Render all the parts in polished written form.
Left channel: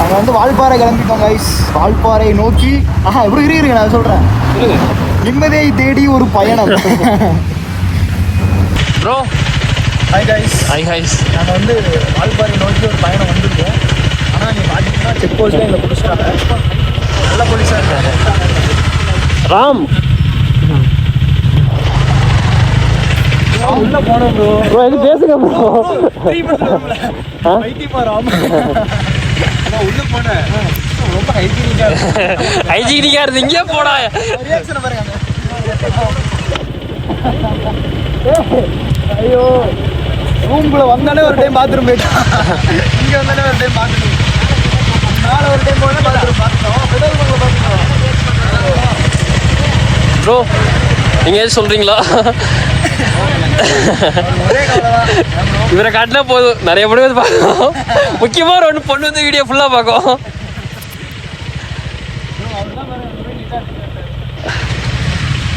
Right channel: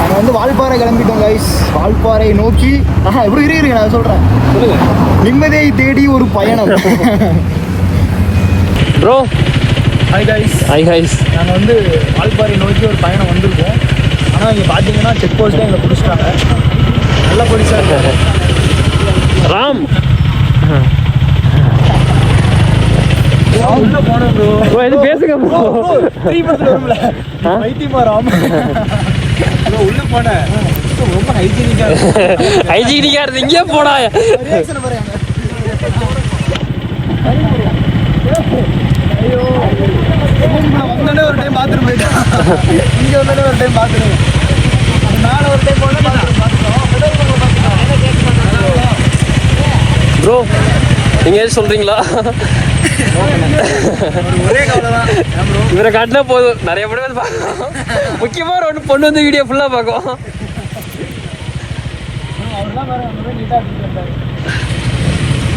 அவங்க வந்து வால்பாறை கிளம்பிட்டோம் கைஸ். வால்பாறை நோக்கி எப்படி இருக்குங்க நான் சொல்றேன். நிம்மதியை தேடி ஒரு பயணம். Bro hi guys. Hi guys. நாங்கள் வந்து வால்பாறை நோக்கி ஒரு பயணம் வந்திருக்கோம். ஆனால் இங்கே பார்த்தீங்கன்னா செக் போஸ்ட்டே எங்களை பிடிச்சிட்டாங்க. நல்ல போலீஸாக இருக்காரு ராம். உள்ள போனோம் ப்ரோ. ப்ரோ இது பேசுங்க ப்ரோ. வைத்தியமா ராம் உள்ள போனேன். ரொம்ப ஹைஜீனிக்கா இருந்து இங்கே போடா. ஐயோ ரூம்குள்ள வந்தாலே ஒரு டைம் பாத்ரூம் போயிட்டான். இங்கே வந்தாலே ஒரு டைம் பாத்ரூம். நான் ஒரு டைம் ப்ரோ நீங்க ஏதாவது சொல்றீங்களா? இவரை காட்டினா போதும் நிறைய பேர் வந்து பார்க்கும். முக்கியமா ஒரு பொண்ணு வந்து வீடியோ ஃபுல்லா பார்க்கும்.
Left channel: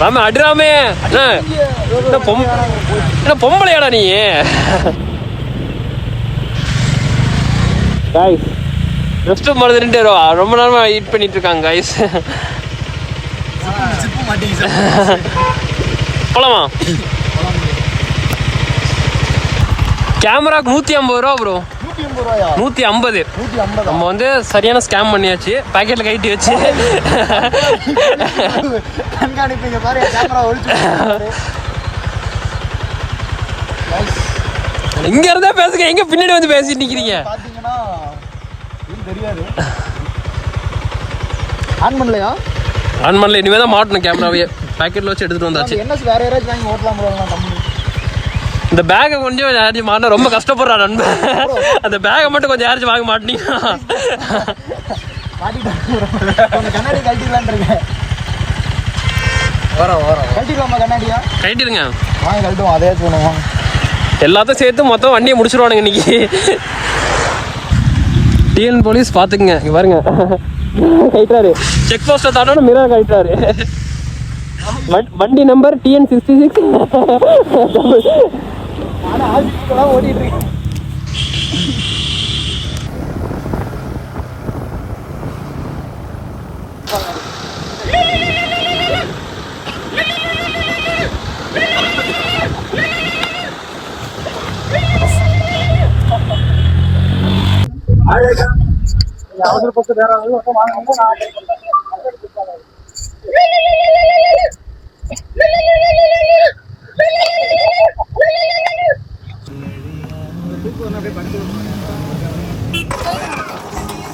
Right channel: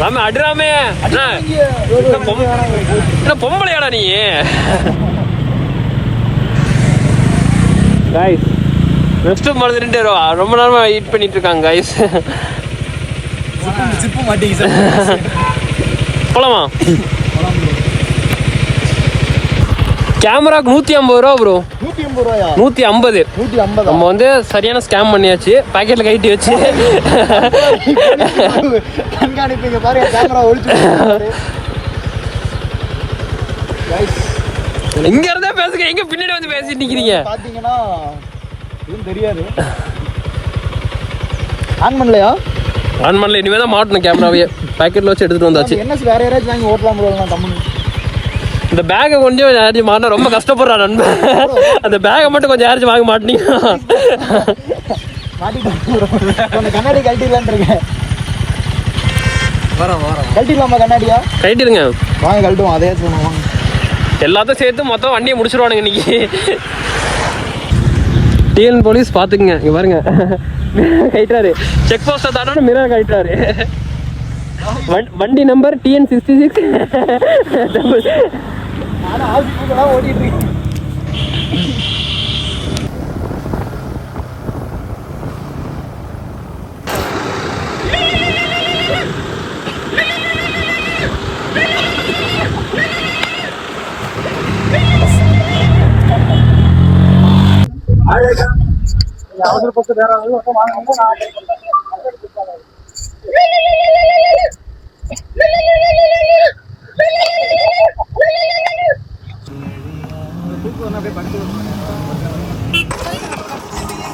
ராமே அடுறாமே என்ன பொம்பளையாடா நீ? கைஸ் ரெஸ்ட் ரூம் மறந்துட்டு ரொம்ப நேரமா வெயிட் பண்ணிட்டு இருக்காங்க கைஸ். போலாமா? கேமராக்கு 150 ரூபா ப்ரோ. 150. நம்ம வந்து சரியான ஸ்கேம் பண்ணியாச்சு. பாக்கெட்ல கைட்டி வச்சு கண்காணிப்பீங்க பாருங்க. கேமரா ஒளிச்சு இங்க இருந்தா பேசுங்க. எங்க பின்னாடி வந்து பேசிட்டு நிக்கிறீங்க பாத்தீங்கன்னா எதுவும் தெரியாது. ஆன் பண்ணலையா? ஆன் பண்ணல. இனிமே தான் மாட்டணும் கேமராவே. பாக்கெட்ல வச்சு எடுத்துட்டு வந்தாச்சு. என்ன வேற யாராச்சும் வாங்கி ஓட்டலாம் ப்ரோ. கம்பெனி இந்த பேக்கை கொஞ்சம் யாராச்சும் மாட்டினா ரொம்ப கஷ்டப்படுறான் நண்பன். அந்த பேக்கை மட்டும் கொஞ்சம் யாராச்சும் வாங்க மாட்டீங்கன்னா கண்ணாடி கழட்டிடலான் இருக்கேன். கழட்டிடலாமா கண்ணாடியா? கழட்டிடுங்க வாங்க கழட்டுவோம். அதே சொன்னோம் எல்லாத்தையும் சேர்த்து மொத்தம் வண்டியை முடிச்சிருவானுங்க இன்னைக்கு. டிஎன் போலீஸ் பாத்துக்குங்க. இங்க பாருங்க கைட்டாரு. செக் போஸ்ட்டை தாண்டோட மிரர் கைட்டாரு. வண்டி நம்பர் TN66. ஆனால் ஆஃபீஸுக்கெல்லாம் ஓடிட்டு இருக்கேன். அவசர பத்து வேற வாங்க.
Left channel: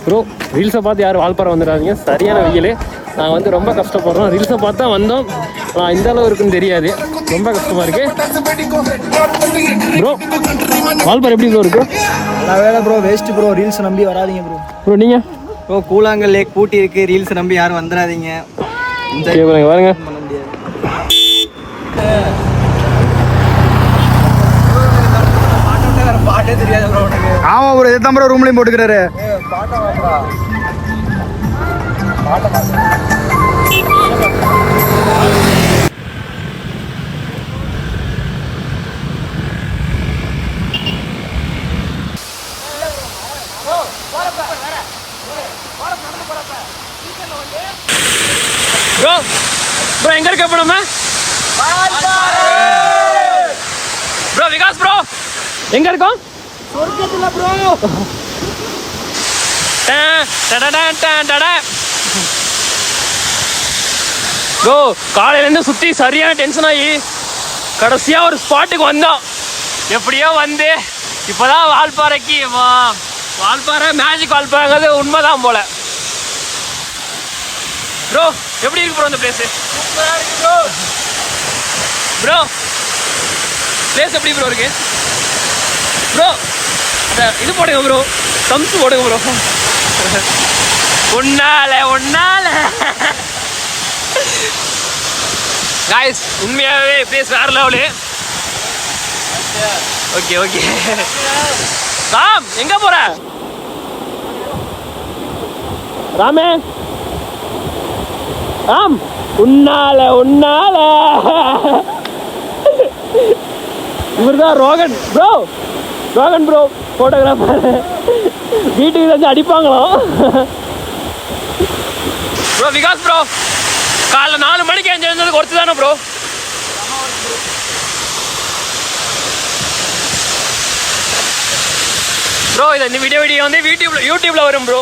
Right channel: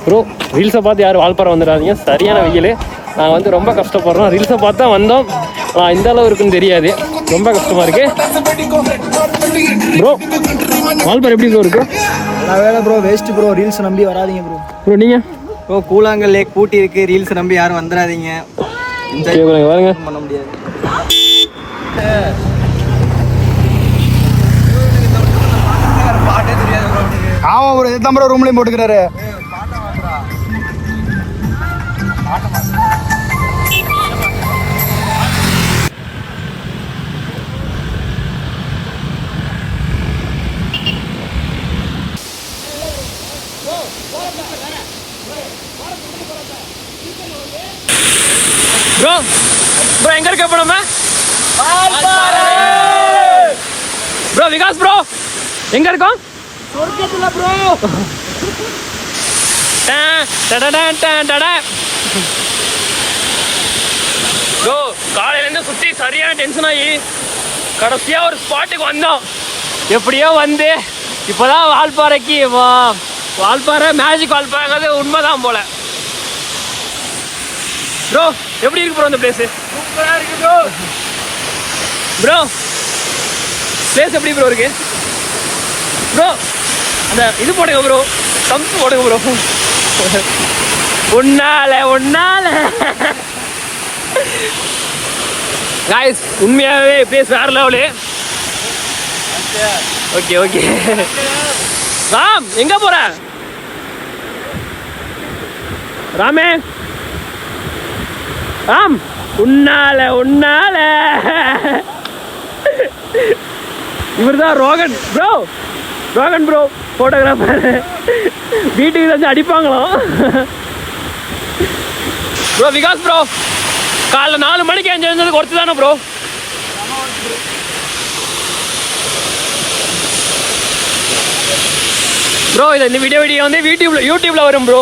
ப்ரோ ரீல்ஸை பார்த்து யாரும் வால்பாறை வந்துடாதீங்க. சரியான வெயில். நாங்கள் வந்து ரொம்ப கஷ்டப்படுறோம். ரீல்ஸை பார்த்து தான் வந்தோம். இந்த அளவு இருக்குன்னு தெரியாது. ரொம்ப கஷ்டமாக இருக்கு ப்ரோ. வால்பாறை எப்படி ப்ரோ இருக்கு? வேலை ப்ரோ. Waste bro. ரீல்ஸ் நம்பி வராதிங்க ப்ரோ. ப்ரோ நீங்கள் ப்ரோ கூழாங்கல் லேக் பூட்டி இருக்கு. ரீல்ஸ் நம்பி யாரும் வந்துடாதீங்க. பாருங்க பண்ண முடியாது. பாட்டே தெரியாது ப்ரோ. ஆமா ப்ரோ. இதுதான் ப்ரோ ரூம்லையும் போட்டுக்கிறாரு. பாட்டை மாத்திரா பாட்டை மாத்திரா. ப்ரோ ப்ரோ எங்க இருக்க போனோமா? ப்ரோ விகாஸ் ப்ரோ எங்க இருக்கோம்? சொர்க்கத்துல ப்ரோ. ப்ரோ காலையில இருந்து சுத்தி சரியான டென்ஷன் ஆகி கடைசியா ஒரு ஸ்பாட்டுக்கு வந்தோம். எப்படியோ வந்து இப்பதான் வால்பாறைக்கு வால்பாறை மேஜிக் வால்பாறை உண்மைதான் போல. ப்ரோ எப்படி இருக்கு ப்ரோ இந்த பிளேஸ்? சூப்பரா இருக்கு ப்ரோ. ப்ரோ பிளேஸ் எப்படி ப்ரோ இருக்கு ப்ரோ? அந்த இது போடுங்க ப்ரோ. தம்ஸ் போடுங்க ப்ரோ. உன்னால காய்ஸ் உண்மையாவே பிளேஸ் வேற லெவலு. ஓகே ராம் எங்க போற? ராமே ராம் உன்னால இவர் தான் ரோகன் ப்ரோ. போட்டோகிராஃபர். வீட்டுக்கு ஏதாச்சும் அடிப்பாங்களாம். ப்ரோ விகாஸ் ப்ரோ காலைல 4 மணிக்கு எழுந்ததுக்கு ஒருத்து தானே ப்ரோ? ப்ரோ இதை இந்த வீடியோ வந்து யூடியூப்ல வரும் ப்ரோ.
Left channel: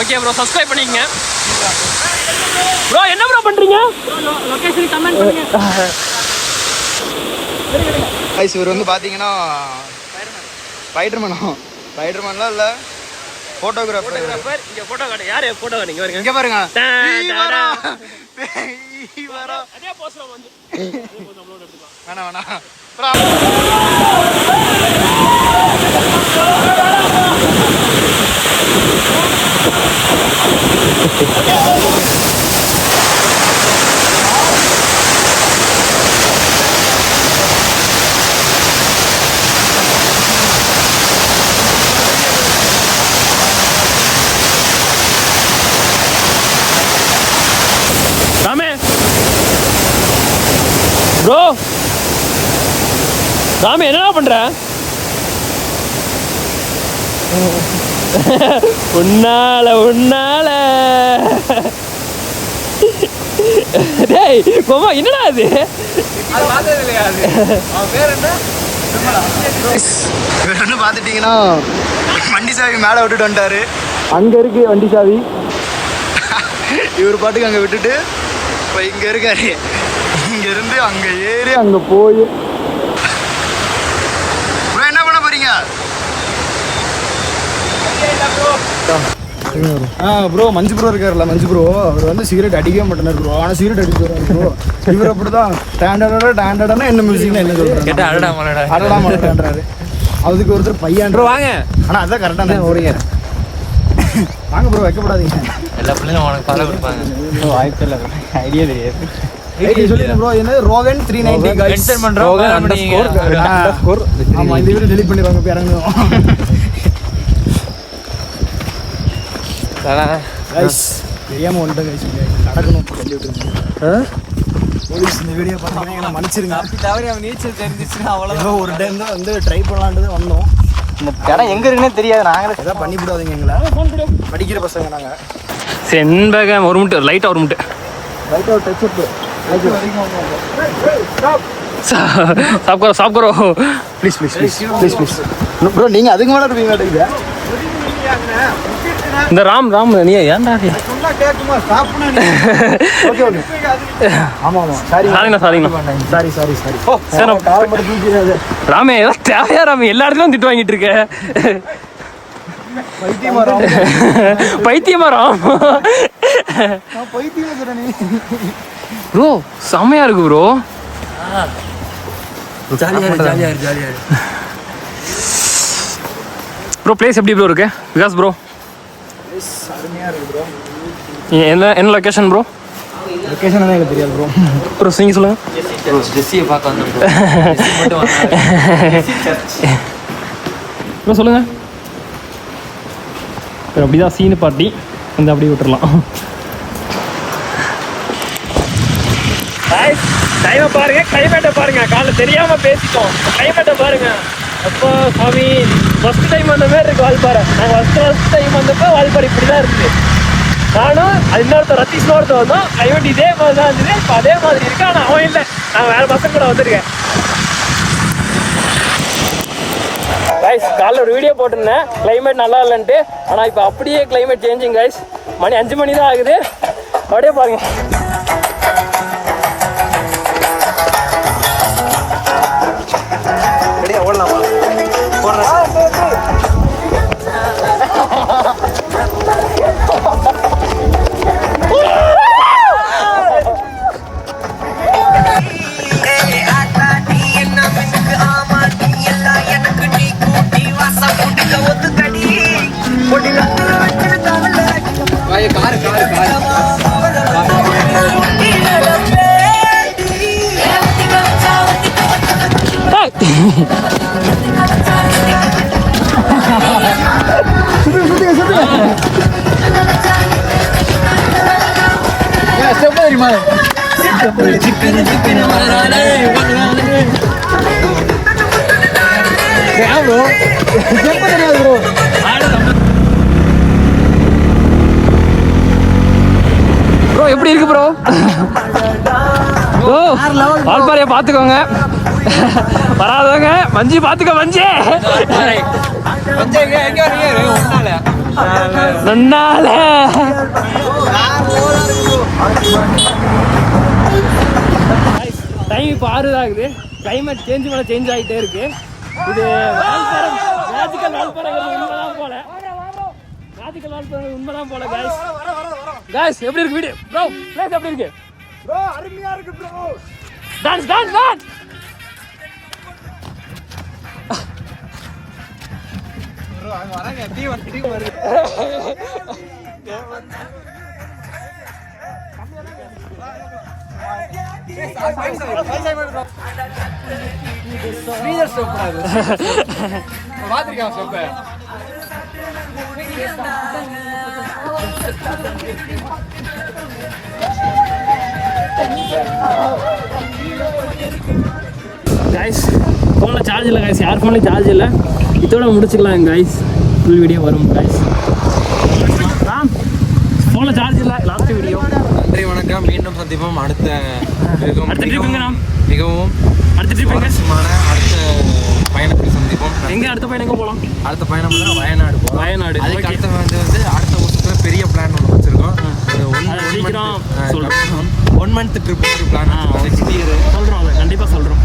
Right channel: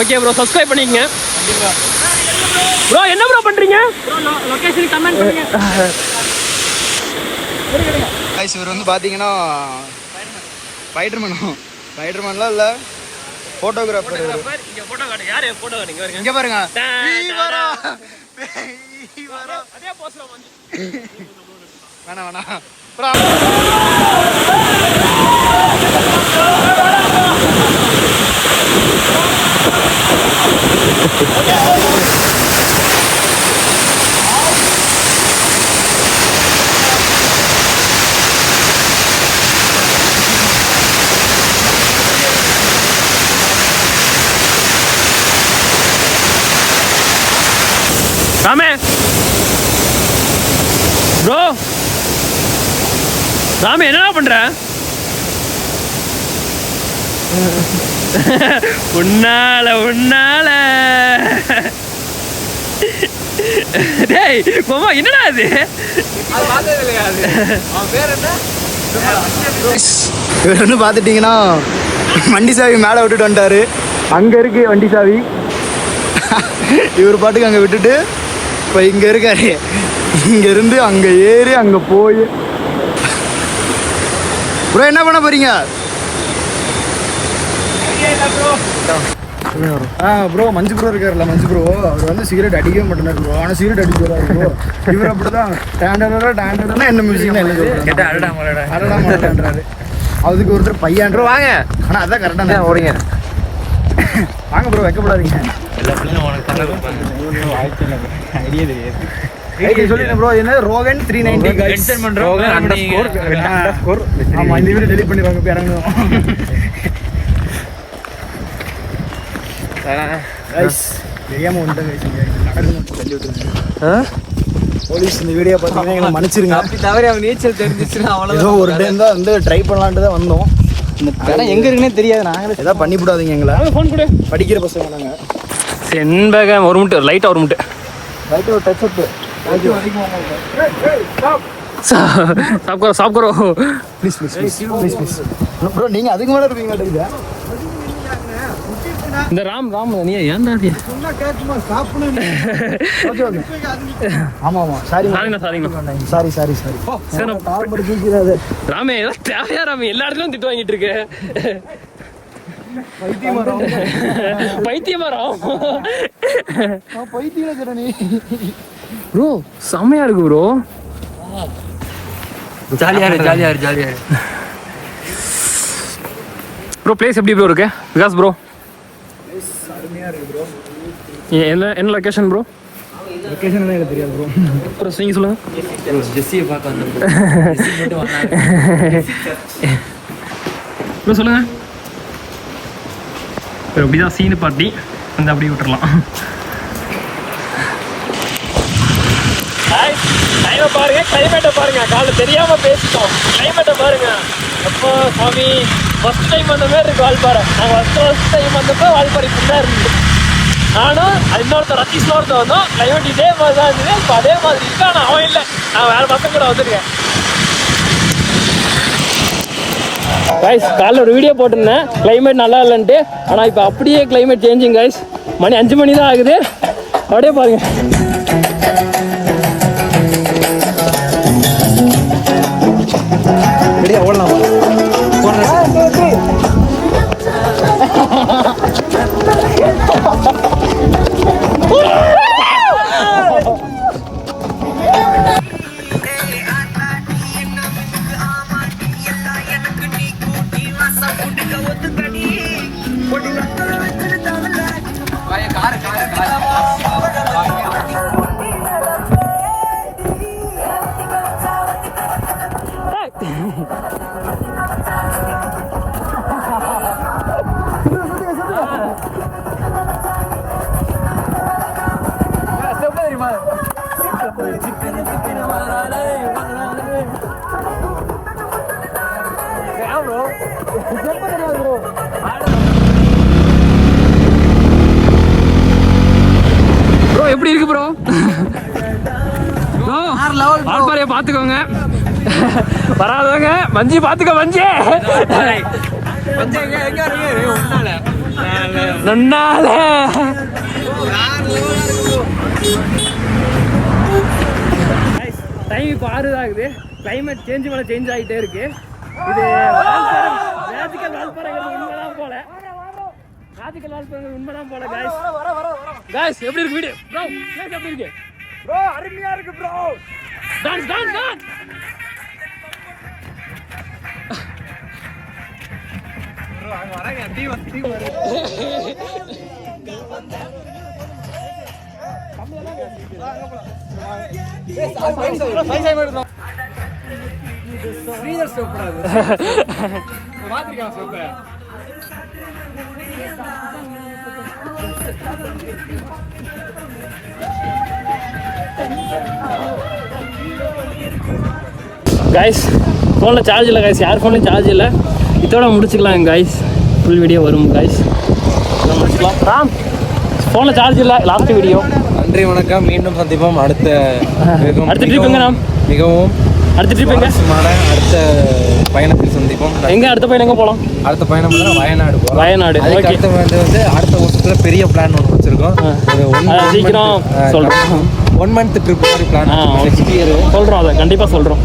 ஓகே ப்ரோ சப்ஸ்கிரைப் பண்ணிக்கங்க ப்ரோ. என்ன ப்ரோ பண்றீங்க? லொகேஷன் கமெண்ட் பண்ணுங்க. இவர் வந்து பார்த்தீங்கன்னா ஸ்பைடர்மேன்லாம் இல்லை, ஃபோட்டோகிராஃபர். இங்க போட்டோ காட்டு. யாரு போட்டோ காட்டுங்க? இங்கே பாருங்க. அதே போஸ்ல வந்து வேணாம். ராமே ப்ரோ, ராமே என்னடா பண்ற? உன்னால டேய் மாமா என்னடா அது? இவர் வந்து பார்த்துட்டீங்கன்னா வண்டி சாவி மேலே விட்டுட்டு வந்துட்டாரு. அங்கே இருக்கு வண்டி சாவி. இவர் பாட்டுக்கு அங்கே விட்டுட்டு இப்போ இங்கே இருக்காரு. இங்கேருந்து அங்கே ஏறி அங்கே போய் ப்ரோ என்ன பண்ண போறீங்க? ப்ரோ மஞ்சு ப்ரோ இருக்காருல்ல, மஞ்சு ப்ரோ அவர் வந்து சிகரெட் அடிக்கவே மாட்டேனார் ப்ரோ. ஆனால் சிகரெட் அடிச்சு வராரு ப்ரோ. இவர் அப்படிதான் டேண்டடா என்ன மியூசிக்னா என்ன சொல்றாரு, அடடாமன்றாரு. அதுக்கு ஒருத்தர் பையன் ப்ரோ வாங்க. ஆனால் அதான் கரெக்டாக ஓடுங்க. வாங்க ப்ரோ, வைக்கப்படாதீங்க. ஐடியா தெரியாது. சொல்லிடுறேன் ப்ரோ. என்ன ரோகன் 390 गाइस ரோகன் _ ஆமா இந்த வீடியோ டெலீட் பண்ணிடுவாங்க. போய் இறங்குவோம் गाइस. தெரியாம வந்துட்டேன் गाइस. நடக்கணும் சொல்லி விட்டுருங்க போலீஸ். இந்த வீடியோ பார்த்தீங்கன்னா எங்களை மன்னிச்சிருங்க. தவிர அவங்க நீச்சல் தெரிஞ்சிச்சுன்னா அவ்வளோ ஒரு டைம் தான் வந்து ட்ரை பண்ணலான்ட்டு தான் வந்தோம். இடம் எங்கே இருக்குன்னு தெரியாது. நாங்களே எதாவது பண்ணி விடாதீங்க எங்களை. ஃபோன் கொடு. படிக்கிற பசங்க நாங்கள். செண்பகம் ஒரு முட்டை லைட்டாக ஒரு முட்டை லைட்டாக ஒரு டச் அப். சாப் கரோ ப்ளீஸ் ப்ரோ. நீங்கள் அதுக்கு மேலே இருப்பீங்க. இந்த ராம் நீ ஏன்டா சொன்னா கேட்குமா? சாப்பிடணும். ஓகே ஆமாம் சாரி. ராமே ஏதாவது தேவையா? ராமே எல்லா இடத்துலையும் திட்டு வாங்கிட்டு இருக்க. பைத்தியமா ராம்? ப்ரோ செம்மையா இருக்கு ப்ரோ. ஜாலியா ப்ரோ. பிளேஸ் எப்படி ப்ரோ இருக்கு விகாஸ் ப்ரோ? அருமையாக இருக்கு ப்ரோ. என்ன லொக்கேஷன் ப்ரோ? லொக்கேஷன் தான் எனக்கு தெரியாது ப்ரோ. ப்ரோ நீங்கள் சொல்லுங்க ப்ரோ. ஜெஸ்ஸியை பார்க்க வந்து ப்ரோ சொல்லுங்க. அப்படிதான் சீனு பார்ட்டி வந்து அப்படியே விட்டுறலாம். டைமை பாருங்க, கிளைமேட்டை பாருங்க. காலை தெரியாம பேசிட்டோம். கிளைமேட்டை பாருங்க. அப்போ சாமி ஃபர்ஸ்ட் டைம் வந்த மாதிரி இருக்கு வால்பாறை. நான் ஃபர்ஸ்ட் டைம் வந்தப்போ வால்பாறை இப்படி தான் இருந்துச்சு. நானும் இன்னொருத்தர் ரத்தீஷ்னோட வந்தோம். கிளைமேட் இதே மாதிரி தான் இருந்தது. இப்போ அதே மாதிரி இருக்கு. ஆனால் அவன் இல்லை, நான் வேற பசங்க கூட வந்திருக்கேன். கைஸ் காலைல ஒரு வீடியோ போட்டிருந்தேன் கிளைமேட் நல்லா இல்லைன்ட்டு. ஆனால் இப்போ அப்படியே கிளைமேட் சேஞ்சிங் கைஸ். மணி 5 மணி தான் ஆகுது. அப்படியே பாருங்க. ஓடலாமா? ப்ரோ எப்படி இருக்கு ப்ரோ? ப்ரோ வால்பாறையை பார்த்துக்கோங்க, வராதவங்க மஞ்சி பார்த்துக்கோ. மஞ்சி நன்னால டைம் இப்போ 6 ஆகுது. கிளைமேட் சேஞ்ச் ஆகிட்டே இருக்கு. இது மேஜிக்கல் வால்பாறைங்கிறது உண்மைதான் போல. மேஜிக்கல் வால்பாறை உண்மைதான் போல. காய்ஸ் எப்படி இருக்கு வீடியோ ப்ரோ? பிளேஸ் எப்படி இருக்கு ப்ரோ? அருமையா இருக்கு bro. Dance dance dance. Bro அங்க வராங்க டீம் வருது. ஸ்ரீதர் ஸ்டெப் கூடாது. பாத்திருக்கேன் ஸ்டெப். கைஸ் ஃபோனில் சார்ஜ் இல்லை கைஸ், யார் ஃபோன்லையும் சார்ஜ் இல்லை. இதோட முடிச்சுக்கலாம் கைஸ். ஃபுல் வீடியோ வரும் கைஸ், முடிச்சுக்கலாம். ராம் ஃபோனில் சார்ஜ் இல்லை, லாஸ்ட் வீடியோ. நன்றி வணக்கம், மீண்டும் சந்திப்போம். அடுத்த ட்ரிப்புங்க நாம் மிகவும் அடுத்த ட்ரிப் எங்க? அடுத்த பயணத்தில் சந்திப்போம். எங்க அடுத்த பயணம் எங்க போகலாம்? அடுத்த பயணம் வந்து வயநாடு போகிறோம். வயநாடு. அதுக்கு அடுத்த வந்து அடுத்த வருஷத்துல பெரிய பிளான் ஒன்று வச்சிருக்கோம். ஒரு சீக்கிரம் சொல்றோம். 1 month ட்ரிப் பிளான் சொல்றோம், அதை கண்டிப்பா சொல்றோம்.